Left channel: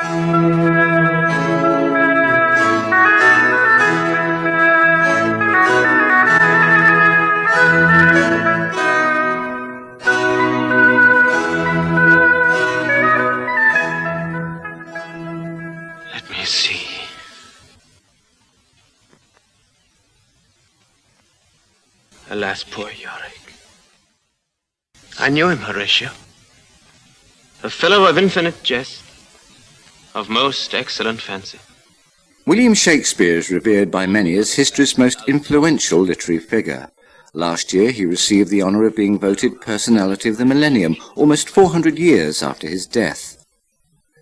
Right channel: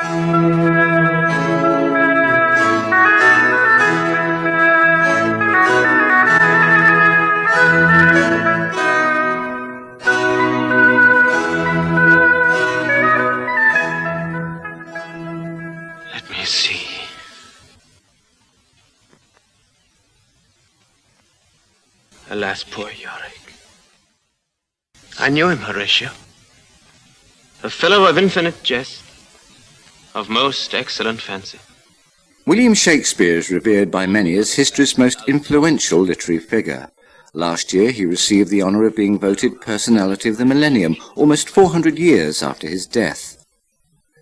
Let me see. Alas, poor Yorick. I knew him, Horatio. A fellow of infinite jest, of most excellent fancy. William Shakespeare is revered by many as history's most influential literary figure. Last year he received the honour of being voted Personality of the Millennium, almost 400 years after his death.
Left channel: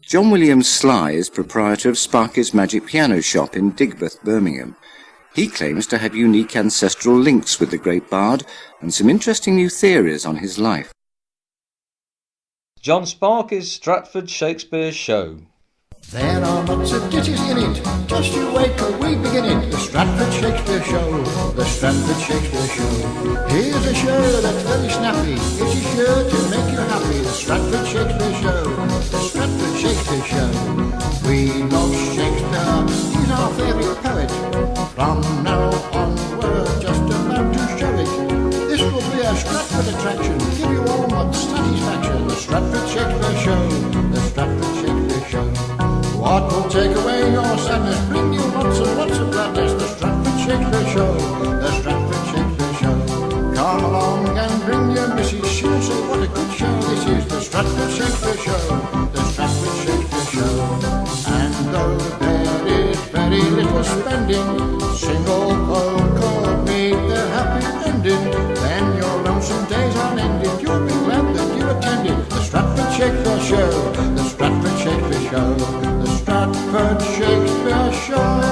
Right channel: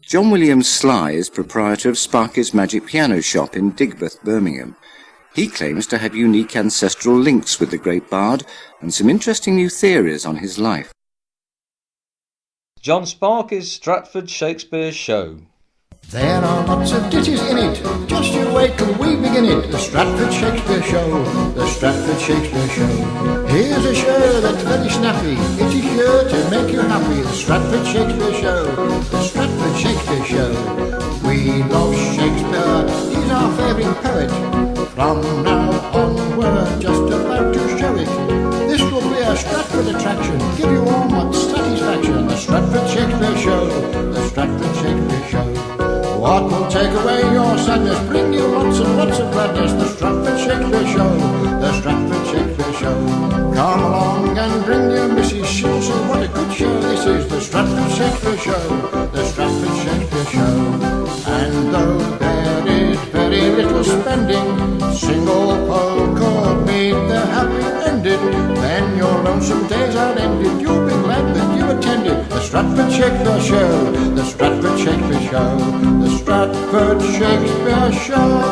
John William Sly is proprietor of Sparky's Magic Piano Shop in Digbeth, Birmingham. He claims to have unique ancestral links with the great bard and some interesting new theories on his life. John Sparky's Stratford Shakespeare Show. There are lots of ditties in it, just you wait till we begin it. The Stratford Shakespeare Show, the Stratford Shakespeare Show. Here's a show that's very snappy, it is sure to make you happy. The Stratford Shakespeare Show, the Stratford Shakespeare Show. We love Shakespeare, he's our favourite poet. From now on we're just about to show it. This will be a Stratford attraction, give you all much satisfaction. The Stratford Shakespeare Show, the Stratford Shakespeare Show. What will take away your sadness, bring you lots and lots of gladness. The Stratford Shakespeare Show, the Stratford Shakespeare Show. Come along and bring your missus, she'll say what a good show this is. The Stratford Shakespeare Show, the Stratford Shakespeare Show. And though there is very little spending, single folk could meet the happy ending. Then your lonesome days are ended, you'll be glad that you attended. The Stratford Shakespeare Show, the Stratford Shakespeare Show, the Stratford Shakespeare Show.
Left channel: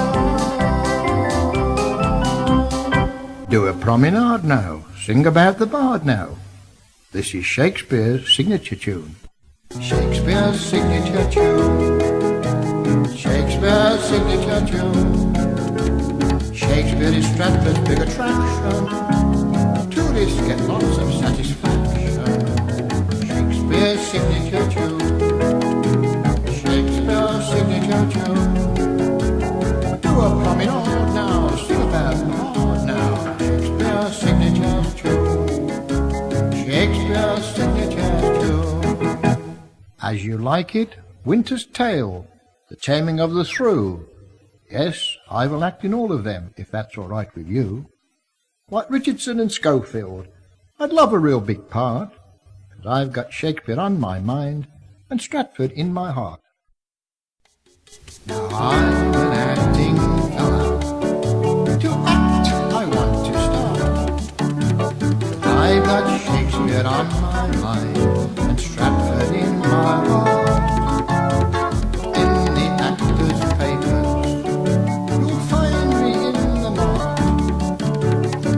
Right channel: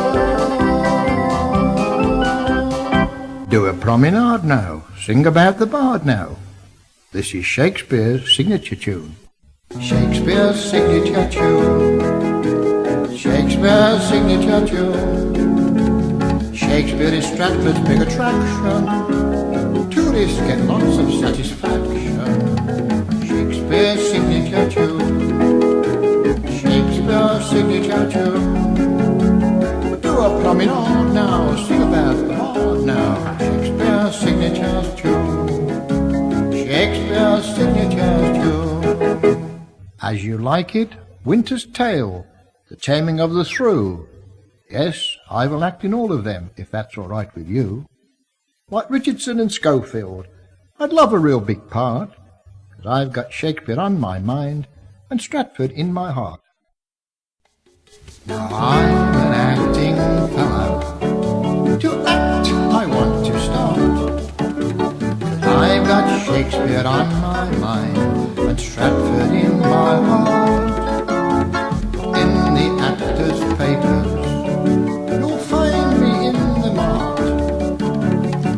Do a promenade now, sing about the bard now. This is Shakespeare's signature tune. Shakespeare's signature tune. Shakespeare's signature tune. Shakespeare is Stratford's big attraction. Tourists get lots of satisfaction. Shakespeare's signature tune. Shakespeare's signature tune. Do a promenade now, sing about the bard now. Shakespeare's signature tune. Shakespeare's signature tune. As You Like It, Winter's Tale, The Taming of the Shrew. Yes, I will act in all of them, if that's all right with you. Like Richardson and Schofield, I'd love a real big part, 'cause I've got Shakespeare on my mind and Stratford in my heart. Now I'm an acting fellow, to act I want to start, 'cause I've got Shakespeare on my mind and Stratford in my heart. In the actors' papers, you'll find me in the mart,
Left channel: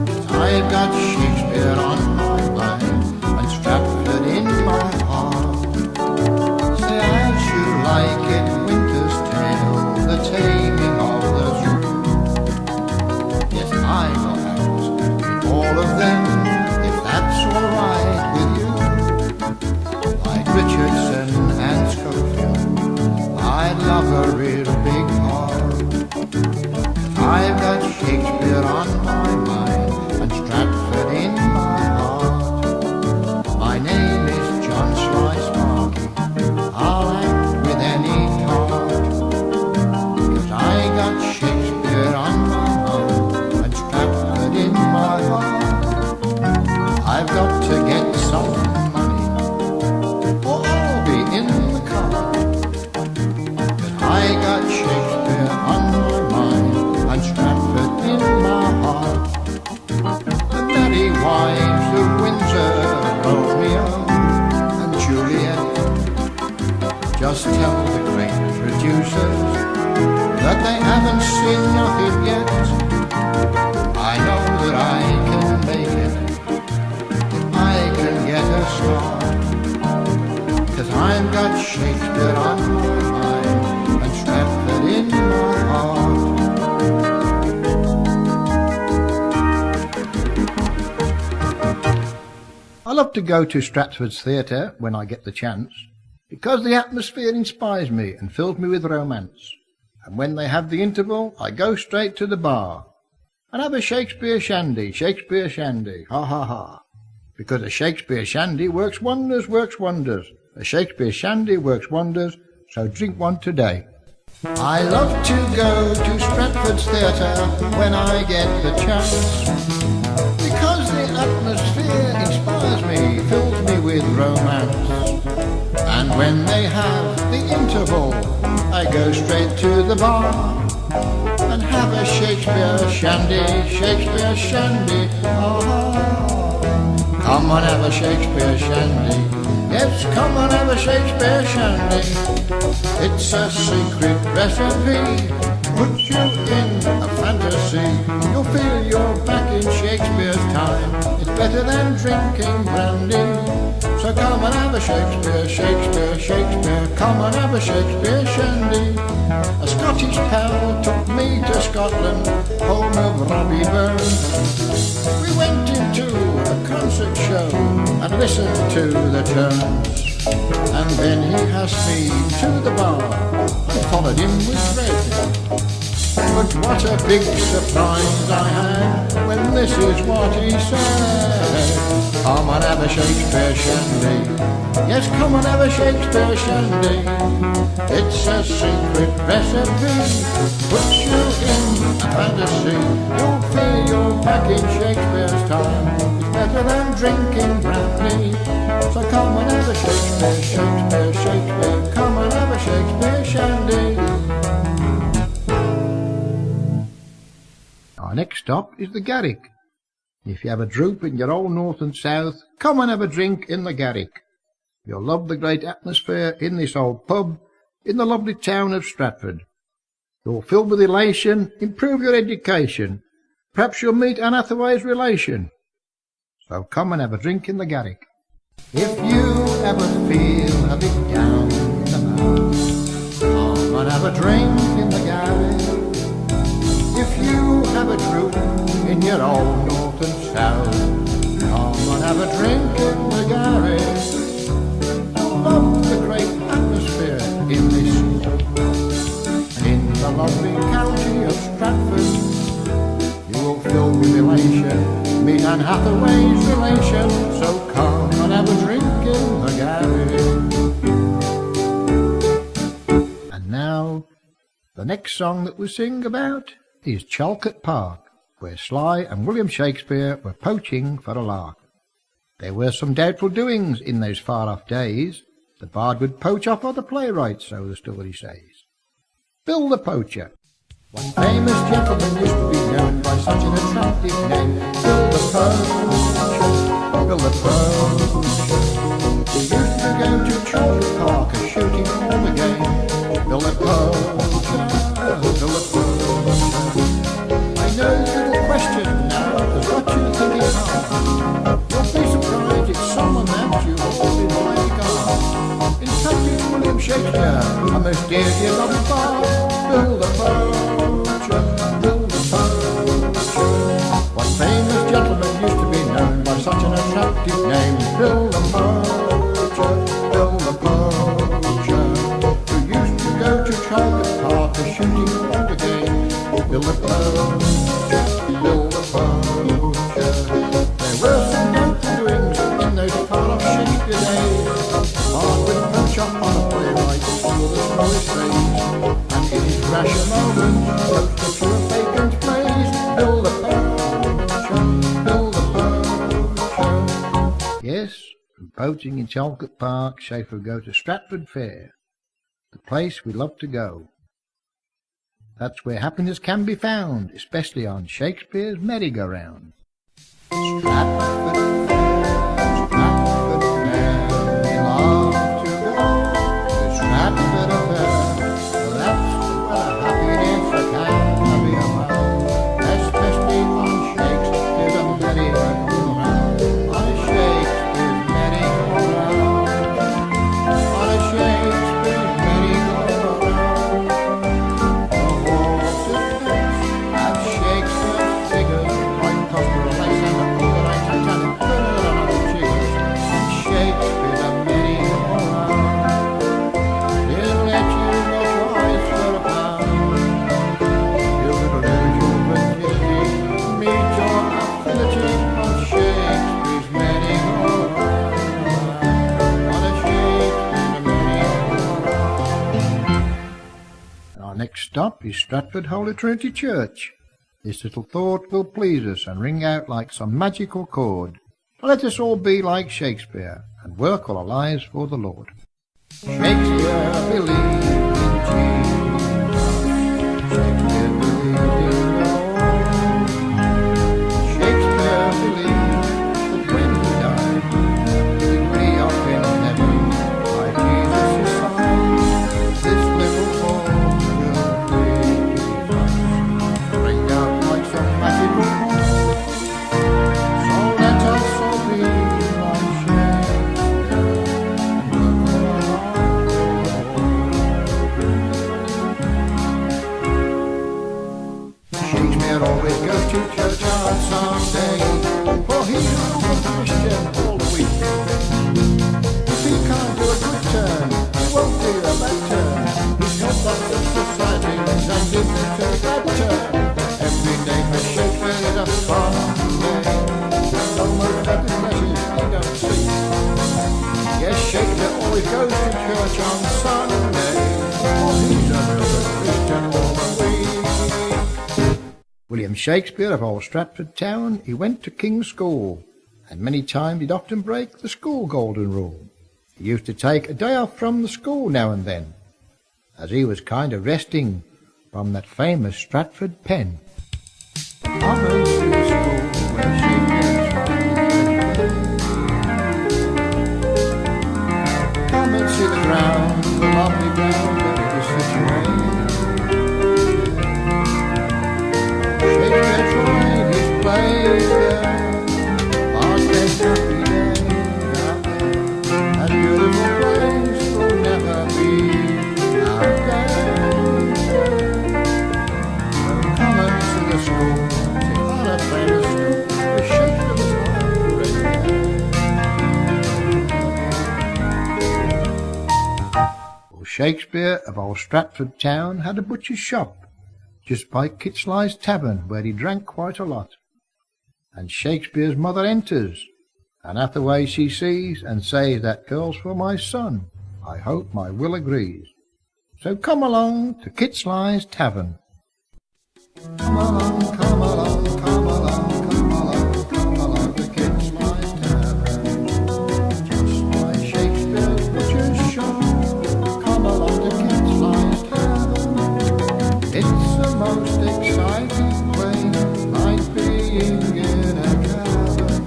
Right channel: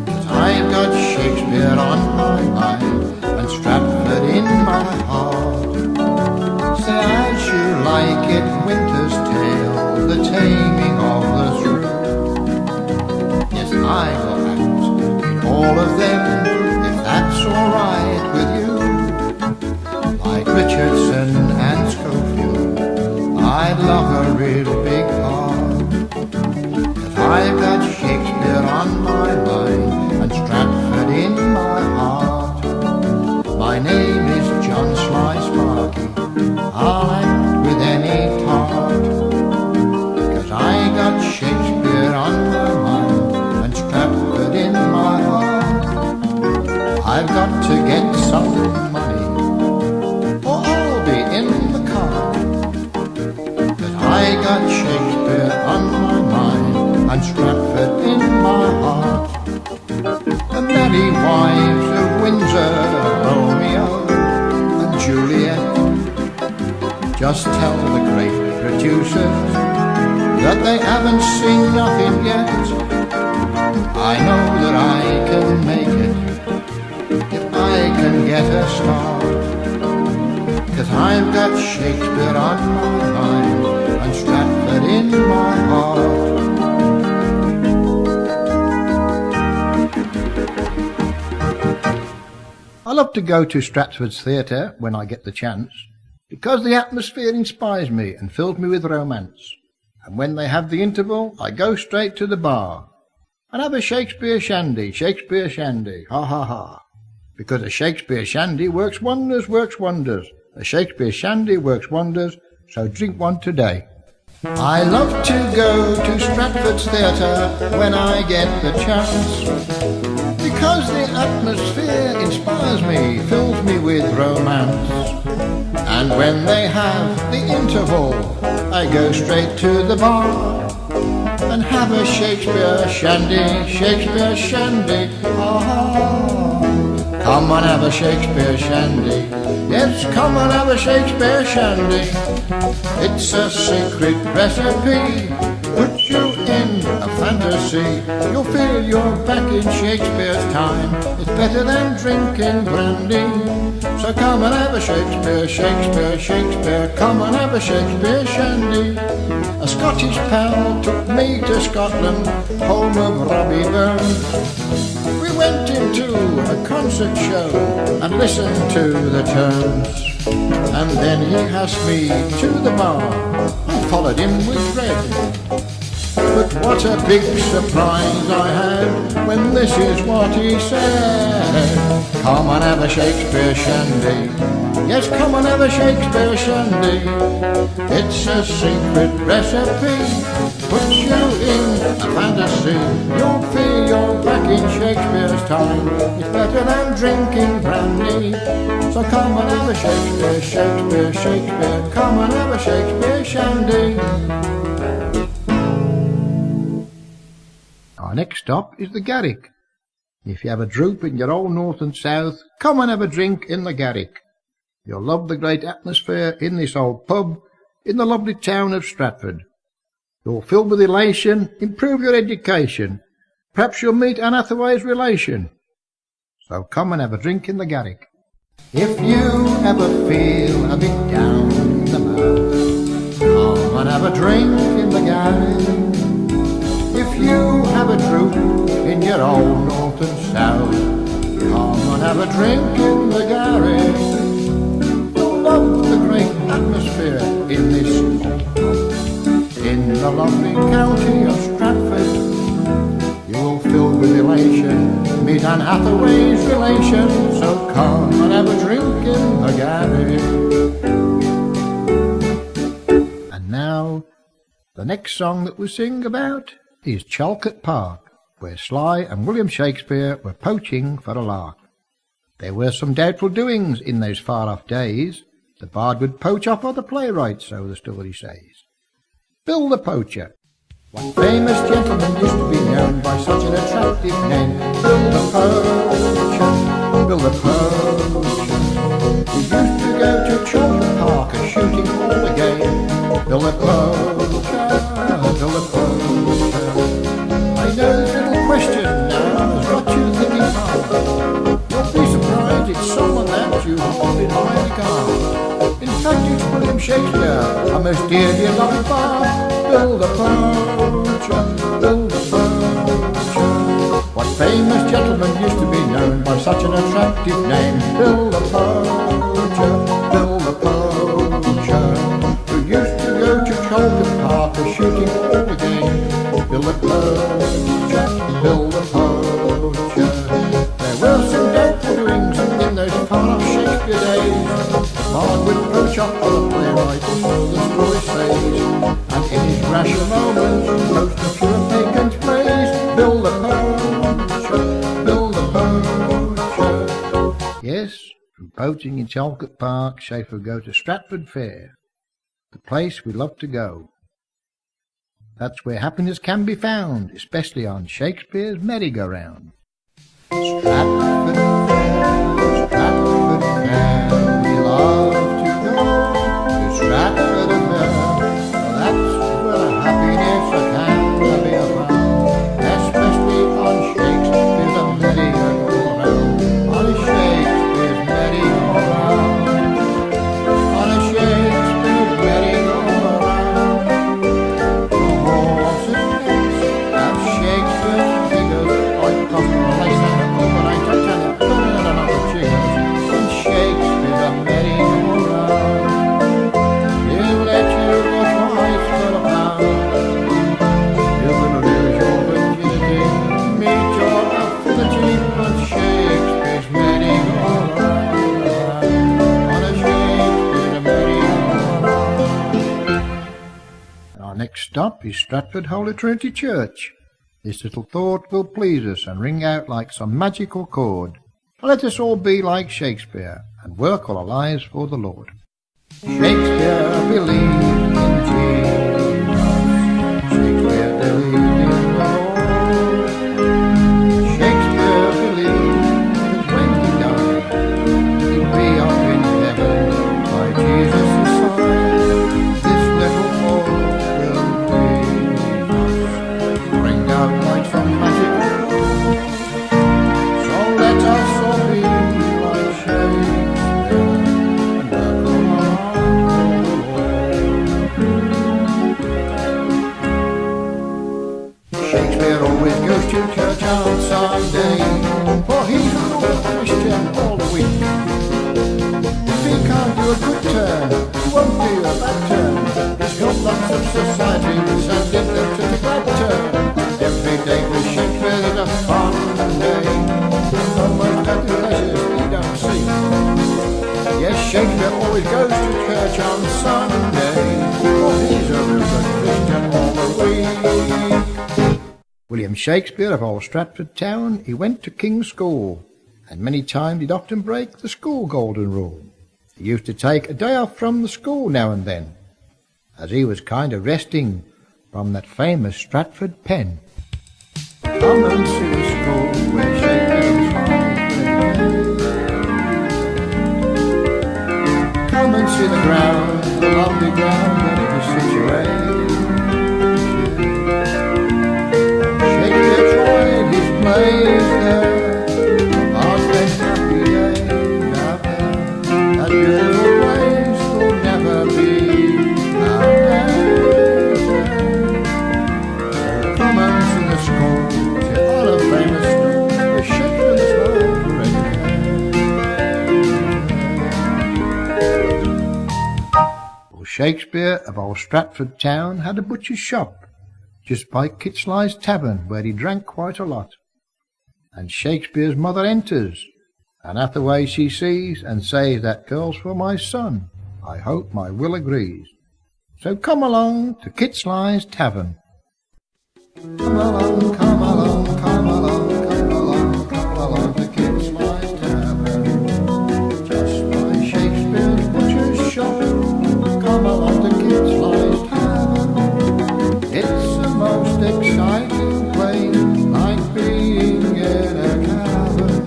'cause I've got Shakespeare on my mind and Stratford in my heart. Say As You Like It, Winter's Tale, The Taming of the Shrew. Yes, I will act in all of them, if that's all right with you. Like Richardson and Schofield, I'd love a real big part, 'cause I've got Shakespeare on my mind and Stratford in my heart. My name is John Sly Sparky, I'll act with any part, 'cause I got Shakespeare on my mind and Stratford in my heart. I've got to get some money, or I'll be in the car, 'cause I got Shakespeare on my mind and Stratford in my heart. The merry wives of Windsor, Romeo and Juliet, just tell the great producers that they haven't seen nothing yet. I know that I can make it if I can get a start, 'cause I've got Shakespeare on my mind and Stratford in my heart. I love to go to Stratford's Theatre when I get the chance, because the atmosphere inspires me and fills me with romance. And when they have the interval, I go straight to the bar and have a Shakespeare shandy, ha ha ha. Because a Shakespeare shandy works wonders, A Shakespeare shandy works wonders, so drink one today. I love to go to Stratford's Theatre when I get the chance, because the atmosphere inspires me, fills me with romance. And when they have the interval, I go straight to the bar and have a Shakespeare shandy, ah. Come on, have a Shakespeare shandy. Yes, come on, have a Shakespeare shandy. It's a secret recipe, puts you in a fantasy. You'll feel you're back in Shakespeare's time. It's better than drinking brandy. So come and have a Shakespeare, come and have a Shakespeare shandy. A Scottish pal took me to Scotland, home of Robbie Burns. We went into a concert show and listened to the turns. And then he asked me to the bar. I followed him with dread. But what a big surprise I had when this is what he said. Come and have a Shakespeare shandy. Yes, come and have a Shakespeare shandy. It's a secret recipe, puts you in a fantasy. You'll feel you're back in Shakespeare's time. It's better than drinking brandy. So come and have a Shakespeare, come and have a Shakespeare shandy. Our next stop is the Garrick. If you have a droop in your old north and south, come and have a drink in the Garrick. You'll love the great atmosphere in this old pub in the lovely town of Stratford. You'll fill with elation, improve your education. Perhaps you'll meet Anne Hathaway's relation. So come and have a drink in the Garrick. If you ever feel a bit down in the mouth, come and have a drink in the Garrick. If you have a droop in your old north and south, come and have a drink in the Garrick. You'll love the great atmosphere in this old pub, in the lovely county of Stratford. You will fill with elation, meet Anne Hathaway's relation. So come and have a drink in the Garrick. And now, the next song that we sing about is Chalcot Park, where Sly and William Shakespeare were poaching for a lark. There were some doubtful doings in those far-off days. The bard would poach off other playwrights, so the story says. Bill the Poacher. What famous gentleman used to be known by such an attractive name? Bill the Poacher, Bill the Poacher. He used to go to Chalcot Park a-shooting all the game. Bill the Poacher, Bill the Poacher. I know this little question now has got you thinking hard. You'll be surprised it's someone that you hold in high regard. In fact, it's William Shakespeare, a most dear, dear lovely bard. Bill the Poacher, Bill the Poacher. What famous gentleman used to be known by such an attractive name? Bill the Poacher, Bill the Poacher. Who used to go to Chalcot Park a-shooting all the game. Bill the Poacher, Bill the Poacher. There were some doubtful doings in those far-off Shakespeare days. The bard would poach off other playwrights, so the story says. And in his rasher moments, poached a few of Bacon's plays. Bill the Poacher, Bill the Poacher. Yes, from poaching in Chalcot Park, Schaefer would go to Stratford Fair, the place we love to go. That's where happiness can be found, especially on Shakespeare's merry-go-round. Stratford Fair, Stratford Fair, we love to go to Stratford Fair. That's where happiness can be found, especially on Shakespeare's merry-go-round. On a Shakespeare's merry-go-round, on a Shakespeare's merry-go-round. The horses' heads have Shakespeare's figures, like Prosper, Lysander, Overine, Titanic, and other chiggers. On Shakespeare's merry-go-round. a pound. You're gonna lose your virginity, meet your affinity on Shakespeare's merry-go-round, on a Shakespeare merry-go-round. And our next stop is Stratford Holy Trinity Church. This little thought will please us and ring out like some magical chord. So let us all be like Shakespeare and work all our lives for the Lord. Shakespeare believed in Jesus. Shakespeare believed in the Lord. Shakespeare believed that when he died, he'd be up in heaven by Jesus' side. This little thought will please us, ring out like some magical chord. So let us all be like Shakespeare and work all our lives for the Lord. Shakespeare always goes to church on Sunday, for he's a real good Christian all the week. If he can't do a good turn, he won't do a bad turn. He's helped lots of societies and give them such a glad turn. Every day for Shakespeare is a fun day, and almost earthly pleasures he don't see. Yes, Shakespeare always goes to church on Sunday, for he's a real good Christian all the week. William Shakespeare of Old Stratford Town, he went to King's School, and many times he'd often break the school golden rule. He used to take a day off from the school now and then, as he was kind of resting from that famous Stratford pen. Come and see the school where Shakespeare was fine. Come and see the ground, the lovely ground that it is situated. Shakespeare tried his plays there, Bard spent happy days out there. That beautiful place will never be outdated. So come and see the school, sit on a famous stool, where Shakespeare was right for education. Well, Shakespeare of Old Stratford Town had a butcher's shop just by Kitsley's Tavern, where he drank quite a lot. And Shakespeare's mother enters, and at the way she sees, and says, "That girl's for my son. I hope my Will agrees." So come along to Kitsley's Tavern. Come along, come along, come along, come along, come along to Kitsley's Tavern, just by Shakespeare's butcher's shop. Come along to Kitsley's Tavern. It's the most exciting place, like being in a cavern.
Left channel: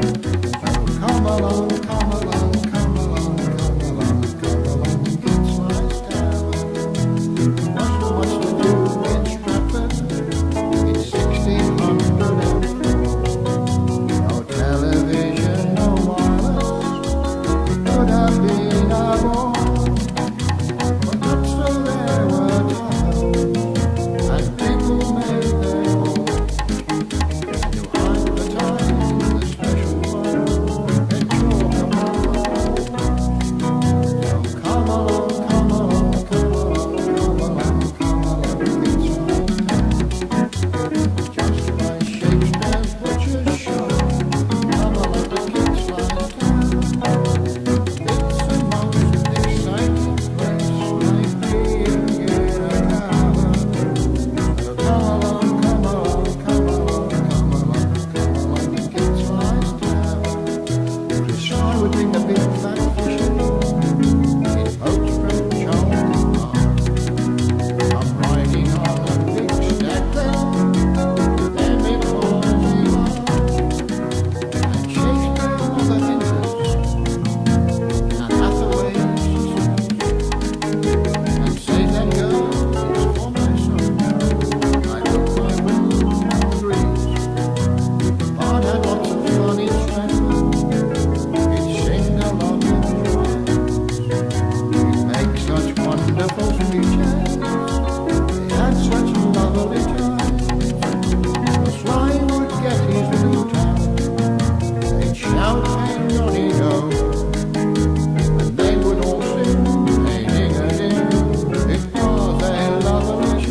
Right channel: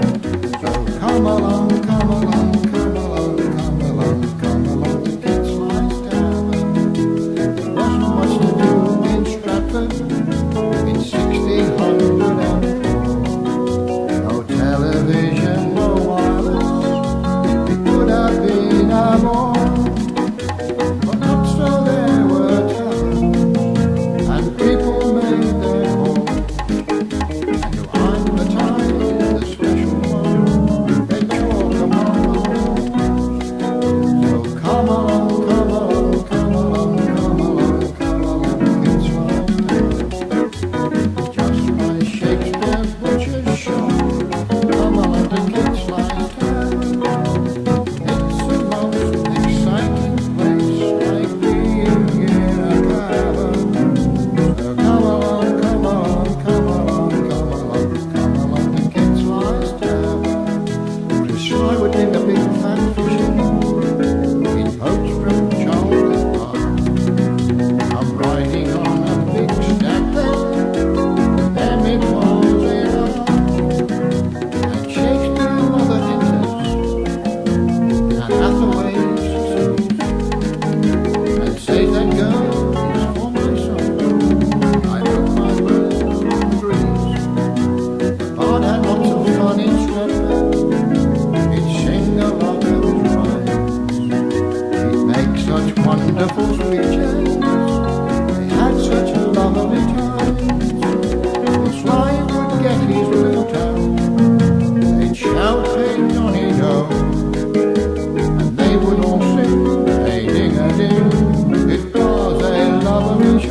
So come along, come along, come along, come along, come along to Kitsley's Tavern. There wasn't much to do in Stratford in 1604. No television, no wireless, it could have been a bore. But not so, there were taverns, and people made their call. And to advertise the special one, they chalk upon the wall. So come along, come along, come along, come along, come along, Kitsley's Tavern, just by Shakespeare's butcher's shop. Come along to Kitsley's Tavern. It's the most exciting place, like being in a cavern. Come along, come along, come along, come along, come along to Kitsley's Tavern. Chris Sly would bring the big fat fish in boats from Charlton Park. I'm riding on a big stag then it was a lark. And Shakespeare's mother enters, and Hathaway she sees, and says, "That girl is for my son. I hope my Will agrees." The Bard had lots of fun in Stratford. He'd sing a lot of his rhymes. He'd make such wonderful speeches. They had such lovely times. The Sly would get his lute out. They'd shout, "Hey, Johnny, no!" And they would all sing, "Hey, ding-a-ding." It was a lovely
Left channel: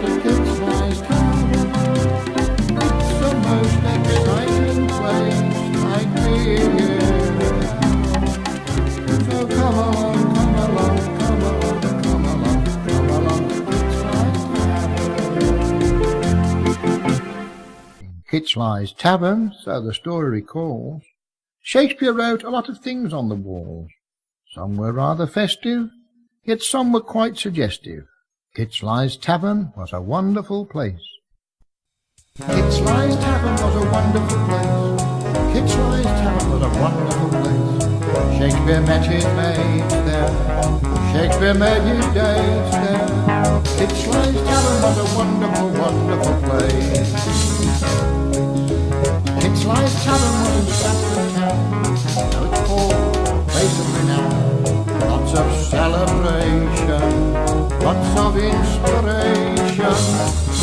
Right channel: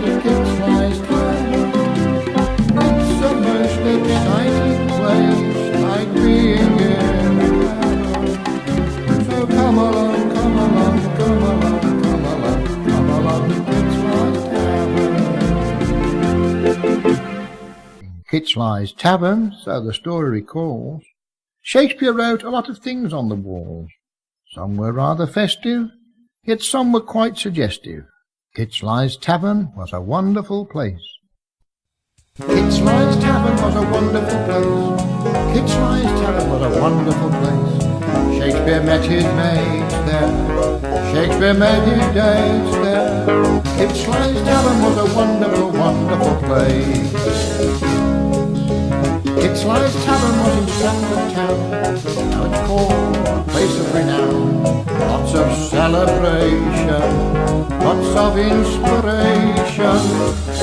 to Kit-Sly's Tavern. It's a most exciting place, like being in a cavern. So come along, come along, come along, come along, come along to Kit-Sly's Tavern. In Kit-Sly's Tavern, so the story recalls, Shakespeare wrote a lot of things on the walls. Some were rather festive, yet some were quite suggestive. Kit-Sly's Tavern was a wonderful place. Kit-Sly's Tavern was a wonderful place. Kit-Sly's Tavern was a wonderful place. Shakespeare met his mates there. Shakespeare made his dates there. Kit-Sly's Tavern was a wonderful, wonderful place. Kit-Sly's Tavern was in Stratford town. Now it's called a place of renown. Lots of celebration, lots of inspiration.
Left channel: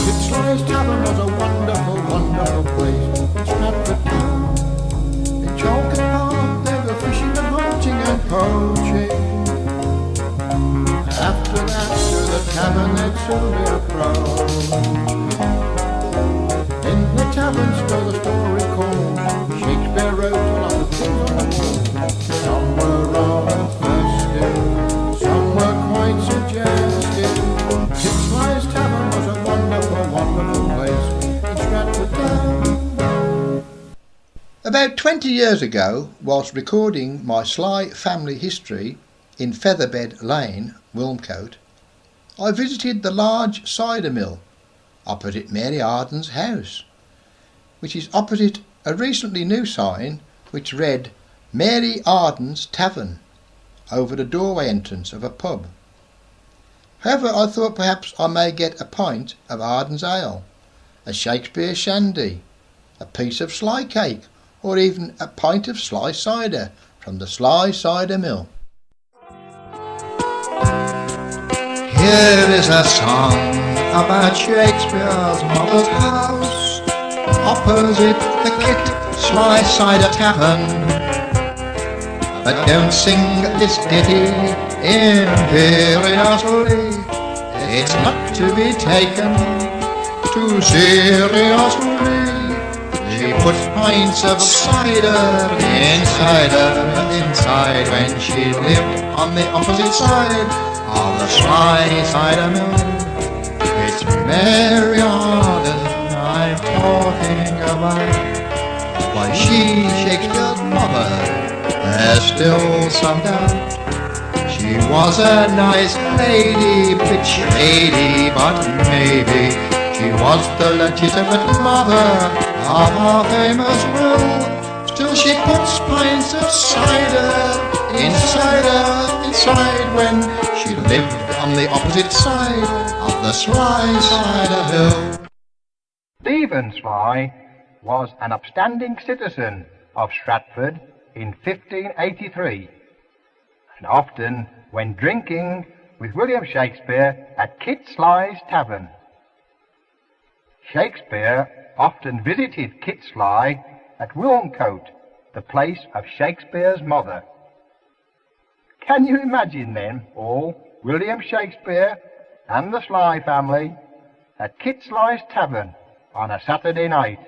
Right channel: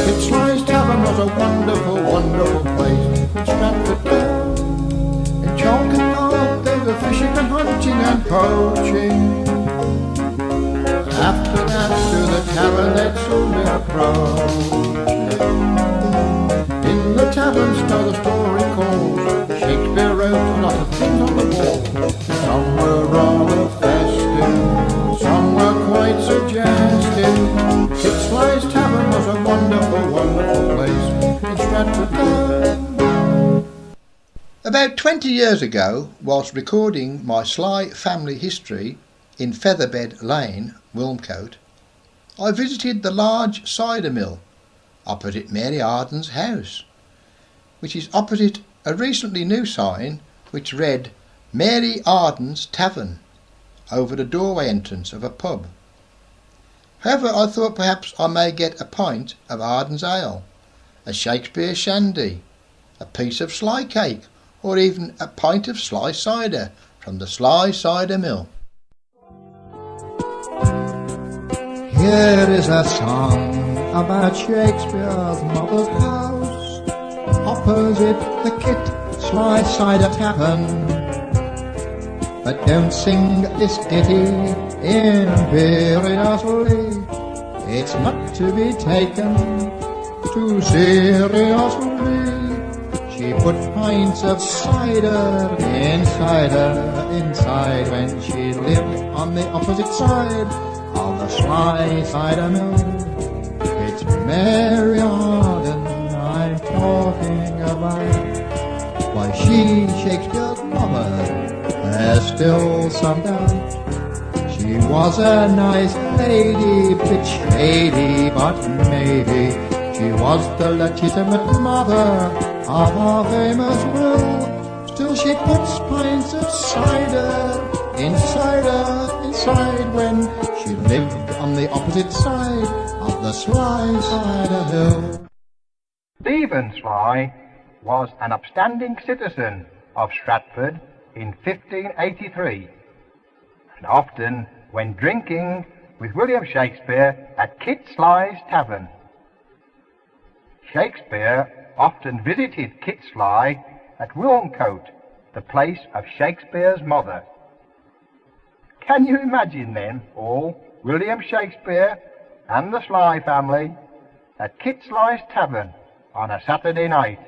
Kit-Sly's Tavern was a wonderful, wonderful place in Stratford town. In Chalkett Park they were fishing and hunting and poaching. And after that to the tavern they'd soon be approaching. In the tavern, so the story calls, Shakespeare wrote a lot of things on the wall. Some were rather festive, some were quite suggestive. Kit-Sly's Tavern was a wonderful, wonderful place in Stratford town. About 20 years ago, whilst recording my Sly family history in Featherbed Lane, Wilmcote, I visited the large cider mill opposite Mary Arden's house, which is opposite a recently new sign which read Mary Arden's Tavern over the doorway entrance of a pub. However, I thought perhaps I may get a pint of Arden's ale, a Shakespeare shandy, a piece of Sly cake, or even a pint of Sly cider from the Sly Cider Mill. Here is a song about Shakespeare's mother's house, opposite the Kit-Sly Cider Tavern. But don't sing this ditty imperiously, it's not to be taken too seriously. She put pints of cider inside when she lived on the opposite side of the Sly Cider Mill. It's Mary Arden I'm talking about. Why, she, Shakespeare's mother, there's still some doubt. She was a nice lady, bit shady, but maybe she was the legitimate mother of our famous Will. Still she puts pints of cider inside when she lived on the opposite side of the Sly Cider Hill. Stephen Sly was an upstanding citizen of Stratford in 1583, and often went drinking with William Shakespeare at Kit-Sly's Tavern. Shakespeare often visited Kit-Sly at Wilmcote, the place of Shakespeare's mother. Can you imagine them all, William Shakespeare and the Sly family, at Kit-Sly's Tavern on a Saturday night,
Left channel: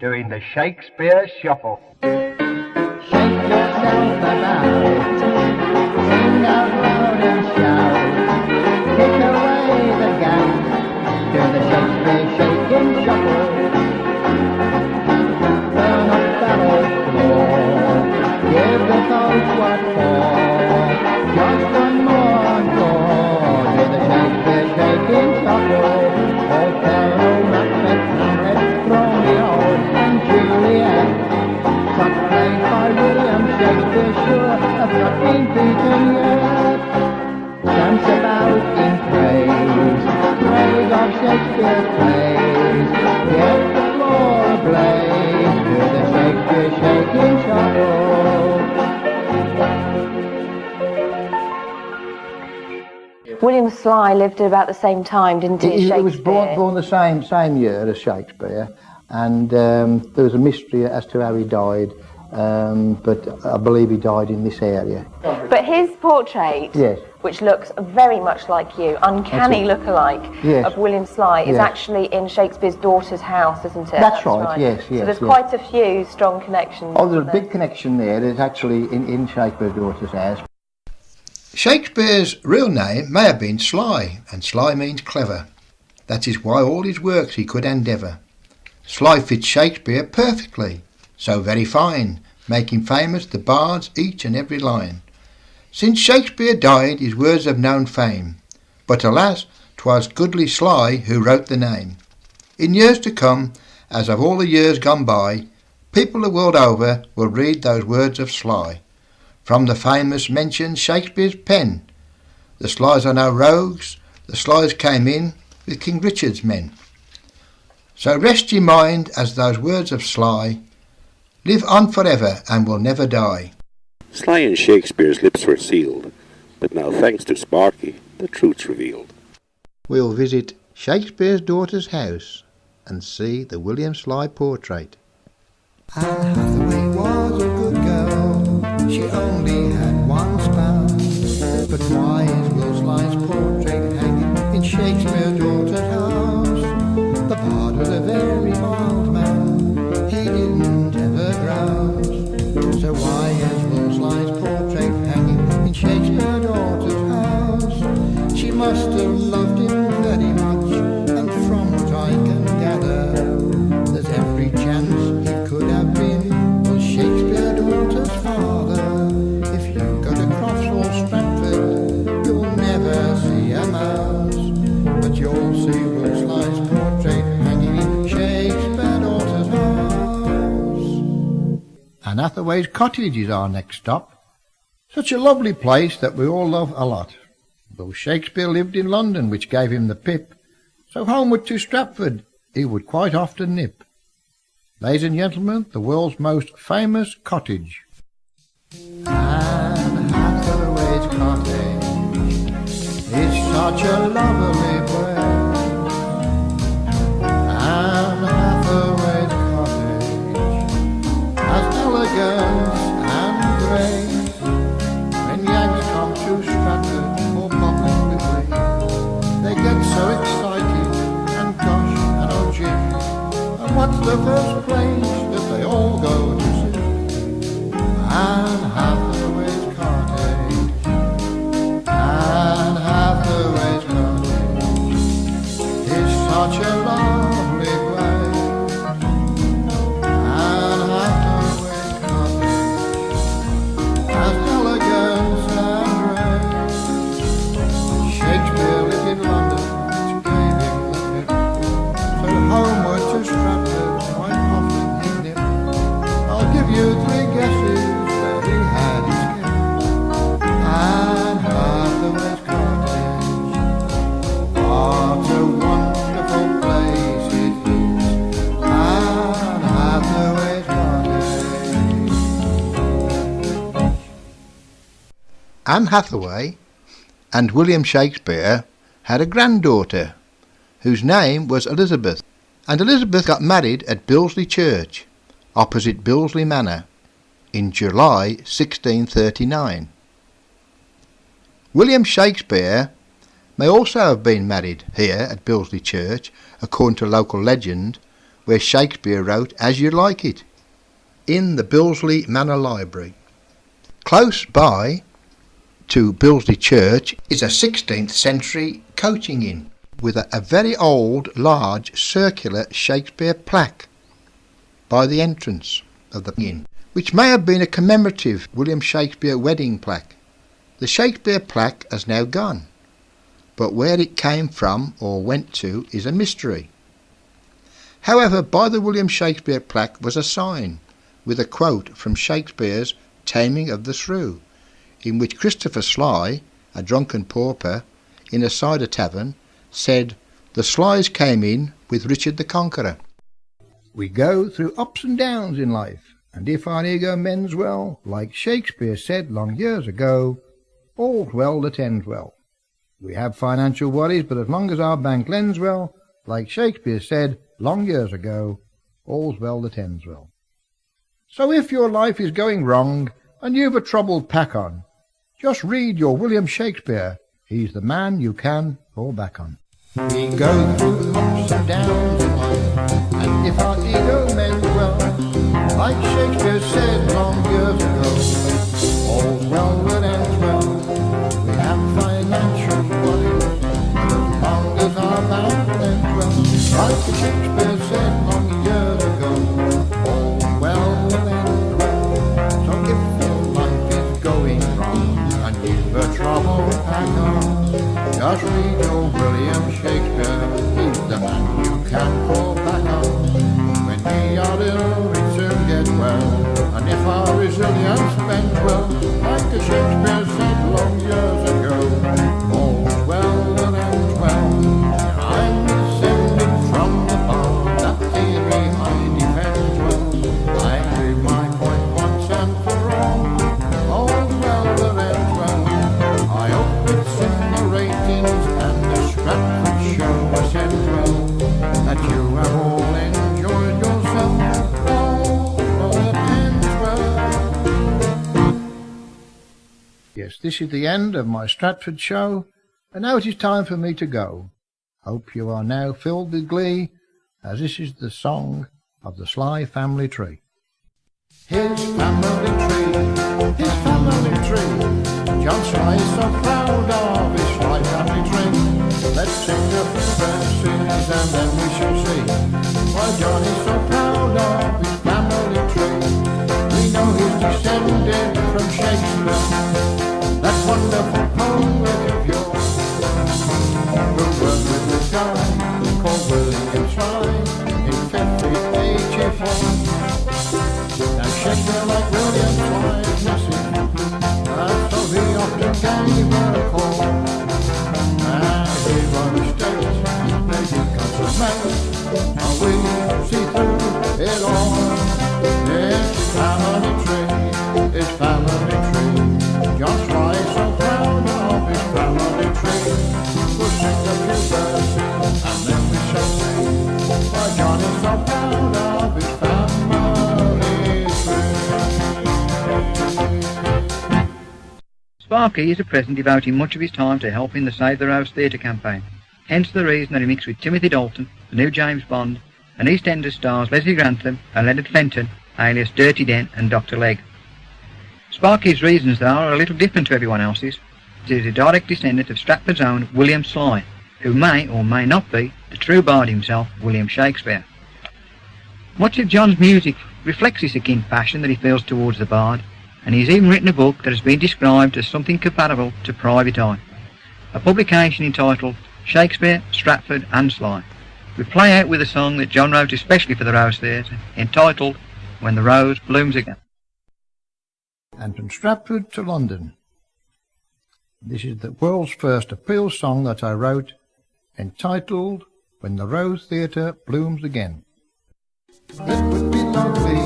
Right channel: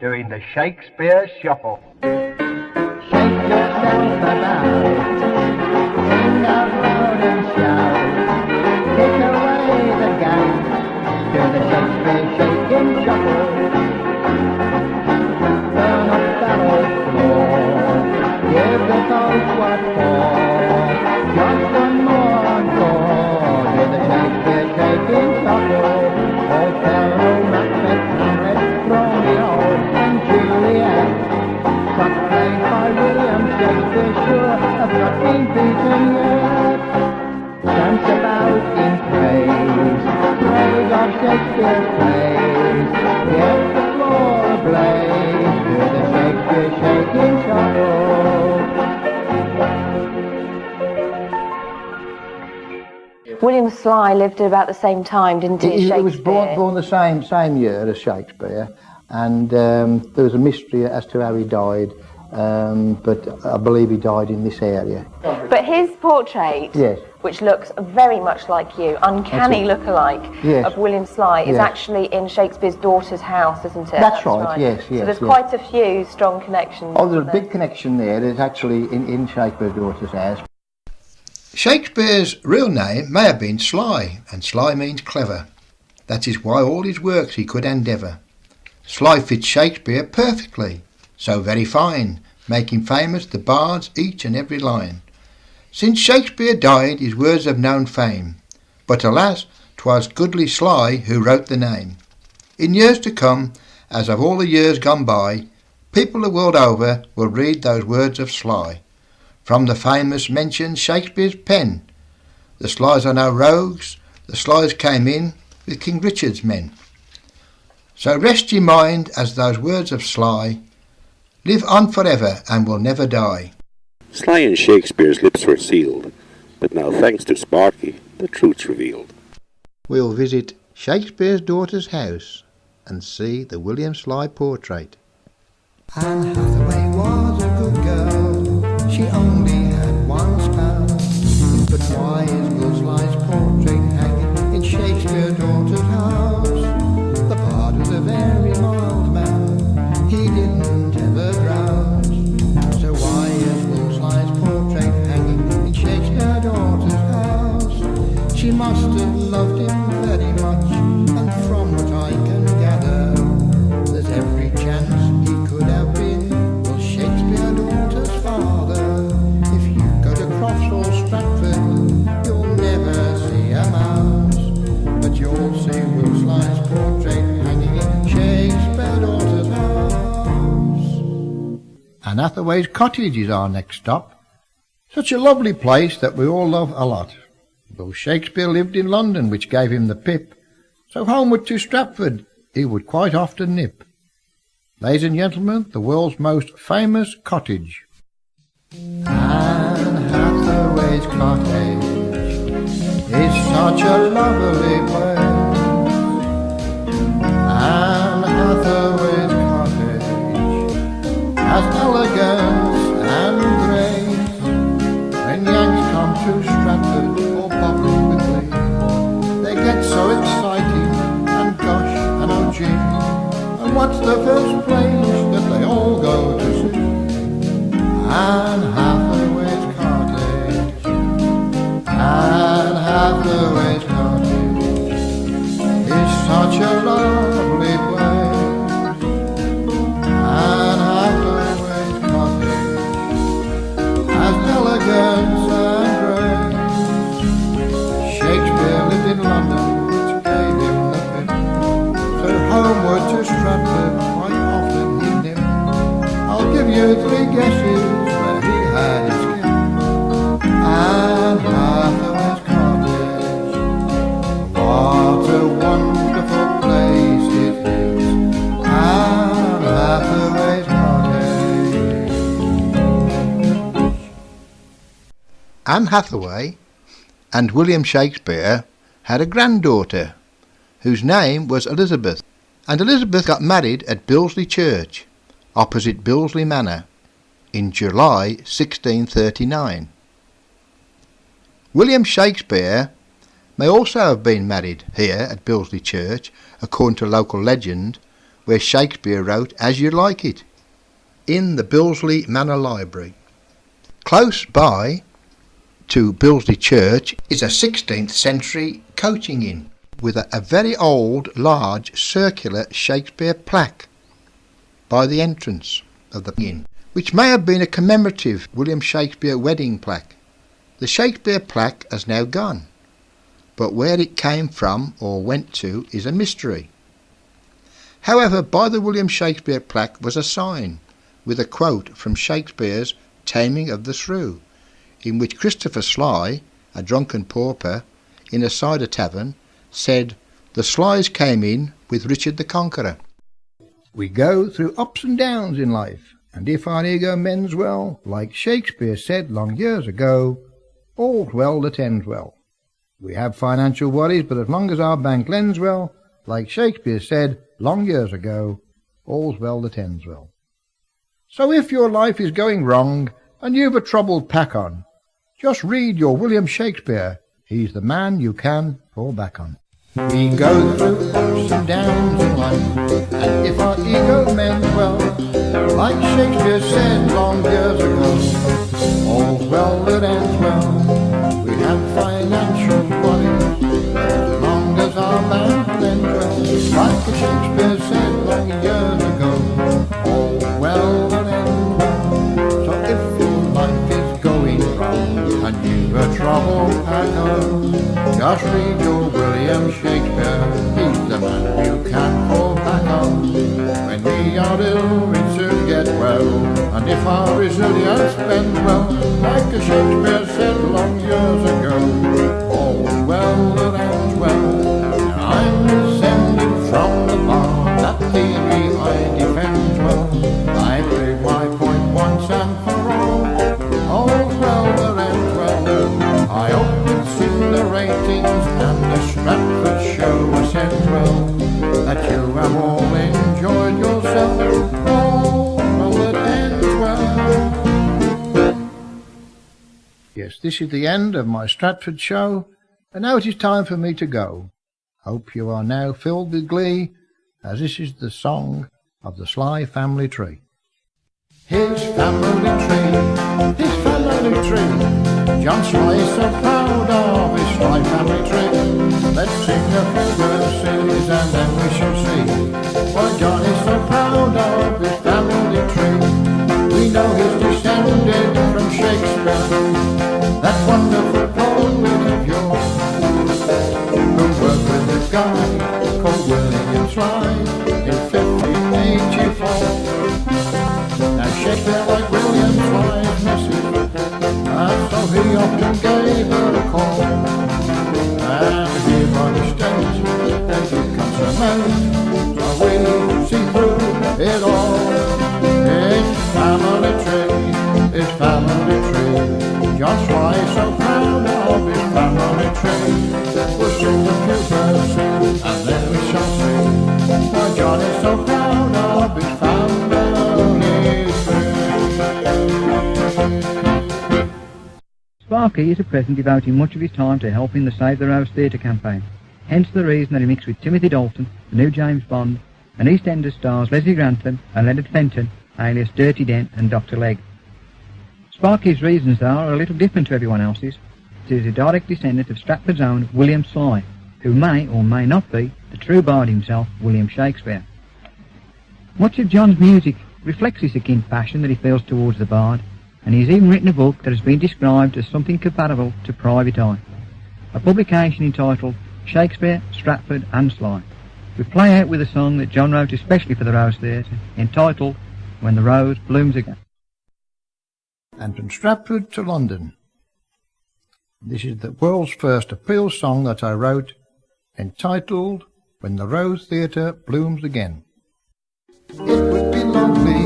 doing the Shakespeare Shuffle? Shakespeare stands about, sing out loud and shout, take away the gun, do the Shakespeare shaking shuffle. Turn a fellow floor, give the coach what for, just one more encore, do the Shakespeare shaking shuffle. Oh, fellow, Macbeth, Hamlet, Romeo and Juliet, some played by William Shakespeare, sure have not been beaten yet. Dance about in praise of Shakespeare's plays, get the floor ablaze, do the Shakespeare shaking shuffle. William Sly lived at about the same time, didn't he? He was born the same year as Shakespeare, and there was a mystery as to how he died, but I believe he died in this area. But his portrait Yes. which looks very much like you, uncanny look-alike of William Sly, is actually in Shakespeare's daughter's house, isn't it? That's right, yes. So there's quite a few strong connections. Oh, there's a big connection there. It's actually in Shakespeare's daughter's house. Shakespeare's real name may have been Sly, and Sly means clever. That is why all his works he could endeavour. Sly fits Shakespeare perfectly, so very fine, making famous the bards each and every line. Since Shakespeare died his words have known fame, but alas, 'twas goodly Sly who wrote the name. In years to come, as of all the years gone by, people the world over will read those words of Sly. From the famous mentions Shakespeare's pen, the Slys are no rogues, the Slys came in with King Richard's men. So rest ye mind as those words of Sly live on forever and will never die. Sly and Shakespeare's lips were sealed, but now thanks to Sparky, the truth's revealed. We'll visit Shakespeare's daughter's house and see the William Sly portrait. Anne Hathaway was a good girl, she only had one spouse. But why is Will Sly's portrait hanging in Shakespeare's daughter's house? The bard was a very mild man, he didn't ever grouse. So why is Will Sly's portrait hanging in Shakespeare's daughter's house? She must have loved him very much, and from what I can gather, there's every chance he could have been Will Shakespeare's daughter's father. If you go to Crofts or Stratford, you'll never see a mouse, but you'll see Will Sly's portrait hanging in Shakespeare's daughter's house. Anne Hathaway's cottage is our next stop. Such a lovely place that we all love a lot. Though Shakespeare lived in London, which gave him the pip, so homeward to Stratford he would quite often nip. Ladies and gentlemen, the world's most famous cottage. Anne Hathaway's cottage is such a lovely place. Anne Hathaway's cottage has elegance and grace. When Yanks come to Stratford or bubbling with glee, they get so excited and gosh and oh gee. And what's the first place that they all go to see? Anne Hathaway's cottage. Anne Hathaway's cottage is such a lovely place. Anne Hathaway's cottage has elegance and grace. Shakespeare lived in London, which gave him the pip, so homeward to Stratford quite often he'd nip. I'll give you 3 guesses where he had his kip. Anne Hathaway's cottage, what a wonderful place it is. Anne Hathaway's cottage. Anne Hathaway and William Shakespeare had a granddaughter whose name was Elizabeth, and Elizabeth got married at Billesley Church, opposite Billesley Manor, in July 1639. William Shakespeare may also have been married here at Billesley Church, according to local legend, where Shakespeare wrote As You Like It, in the Billesley Manor Library. Close by to Billesley Church is a 16th century coaching inn with a very old, large, circular Shakespeare plaque by the entrance of the inn, which may have been a commemorative William Shakespeare wedding plaque. The Shakespeare plaque has now gone, but where it came from or went to is a mystery. However, by the William Shakespeare plaque was a sign with a quote from Shakespeare's Taming of the Shrew, in which Christopher Sly, a drunken pauper in a cider tavern, said, "The Slys came in with Richard the Conqueror." We go through ups and downs in life, and if our ego mends well, like Shakespeare said long years ago, all's well that ends well. We have financial worries, but as long as our bank lends well, like Shakespeare said long years ago, all's well that ends well. So if your life is going wrong, and you've a troubled pack on, Just read your William Shakespeare. He's the man you can fall back on. We go through ups and downs in life, and if our ego mends well, like Shakespeare said long years ago, all's well that ends well. We have financial worries, but as long as our bank lends well, like Shakespeare said long years ago, all's well that ends well. So if your life is going wrong and you've a trouble at home, just read your William Shakespeare. He's the man you can fall back on. When we are ill, we soon get well, and if our resilience bends well, like a Shakespeare said long years ago, all's well that ends well. Now I'm descended from the bard, that theory I defend well. I proved my point once and for all, all's well that ends well. I hope it's in the ratings and the Stratford show ascends well, that you have all enjoyed yourself, all well that ends well. Yes, this is the end of my Stratford show, and now it is time for me to go. Hope you are now filled with glee, as this is the song of the Sly family tree. His family tree, his family tree, John Sly is so proud of his Sly family tree. Let's sing a few verses and then we shall see why John is so proud of his family tree. We know he's descended from Shakespeare, that wonderful poet of yore, who worked with the guy called William Sly in 1584. Now Shakespeare liked William Sly's message, and so he often gave her a call. And here by mistake they did consummate, so we see through it all. His family tree, his family tree, John Sly is so proud of his family tree. We'll sing a few verses and then we shall see why John is so proud of his family tree. Sparky is at present devoting much of his time to helping the Save the Rose Theatre campaign, hence the reason that he mixed with Timothy Dalton, the new James Bond, and EastEnders stars Leslie Grantham and Leonard Fenton, alias Dirty Dent and Dr. Legg. Sparky's reasons, though, are a little different to everyone else's. He is a direct descendant of Stratford's own William Sly, who may or may not be the true bard himself, William Shakespeare. Much of John's music reflects this akin passion that he feels towards the bard, and he's even written a book that has been described as something comparable to Private Eye, a publication entitled Shakespeare, Stratford and Sly. We play out with a song that John wrote especially for the Rose Theatre, entitled When the Rose Blooms Again. And from Stratford to London. This is the world's first appeal song that I wrote, entitled When the Rose Theatre Blooms Again. It would be lovely,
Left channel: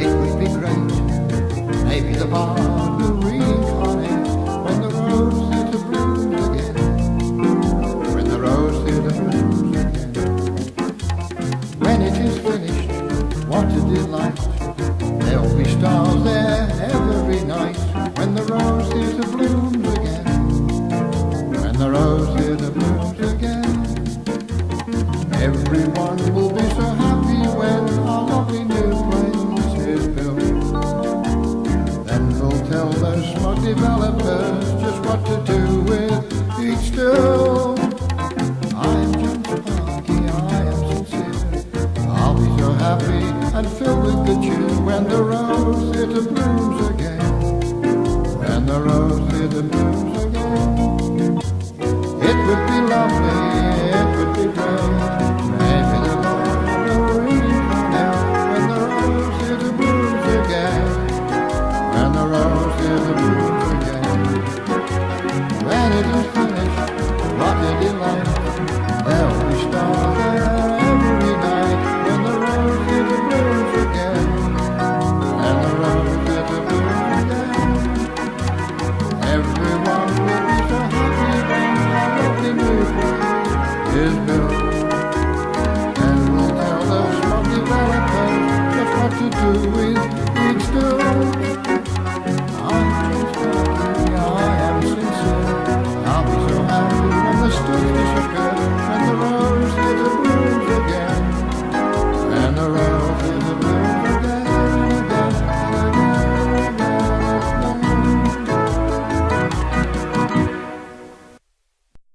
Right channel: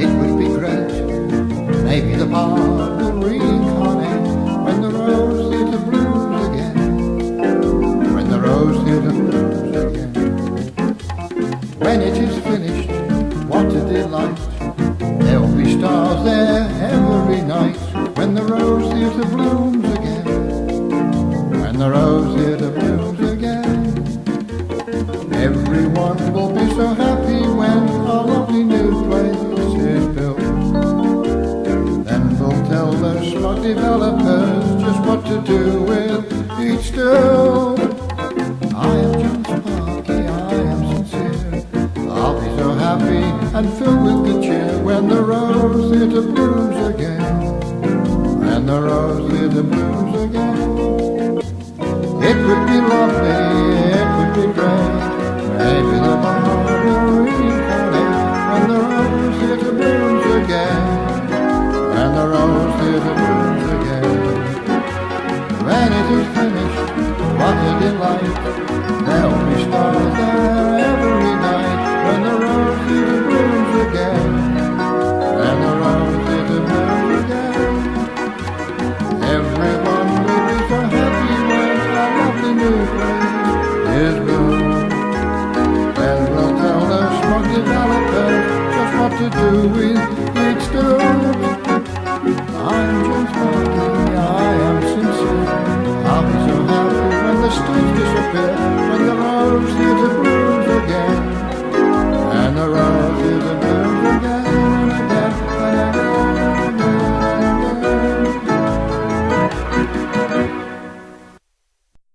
it would be great, maybe the bard will reincarnate when the Rose Theatre blooms again, when the Rose Theatre blooms again. When it is finished, what a delight, there'll be stars there every night, when the Rose Theatre blooms again, when the Rose Theatre blooms again. Everyone will be so happy when our lovely new place is built. Then we'll tell those smug developers just what to do with each still. I am John Sparky, I am sincere, I'll be so happy and filled with good cheer when the Rose Theatre blooms again, when the Rose Theatre blooms again. It would be lovely, it would be great, maybe the bard will reincarnate when the Rose Theatre blooms again, when the Rose Theatre blooms again. When it is finished, what a delight, there'll be stars there every night, when the Rose Theatre blooms again, when the Rose Theatre blooms again. Everyone will be so happy when our lovely new place is built. Then we'll tell those smug developers just what to do with each stool. I'm John Sparky, I I'll be so happy when the stilts disappear, when the rose theatre blooms again, and the rose theatre blooms again.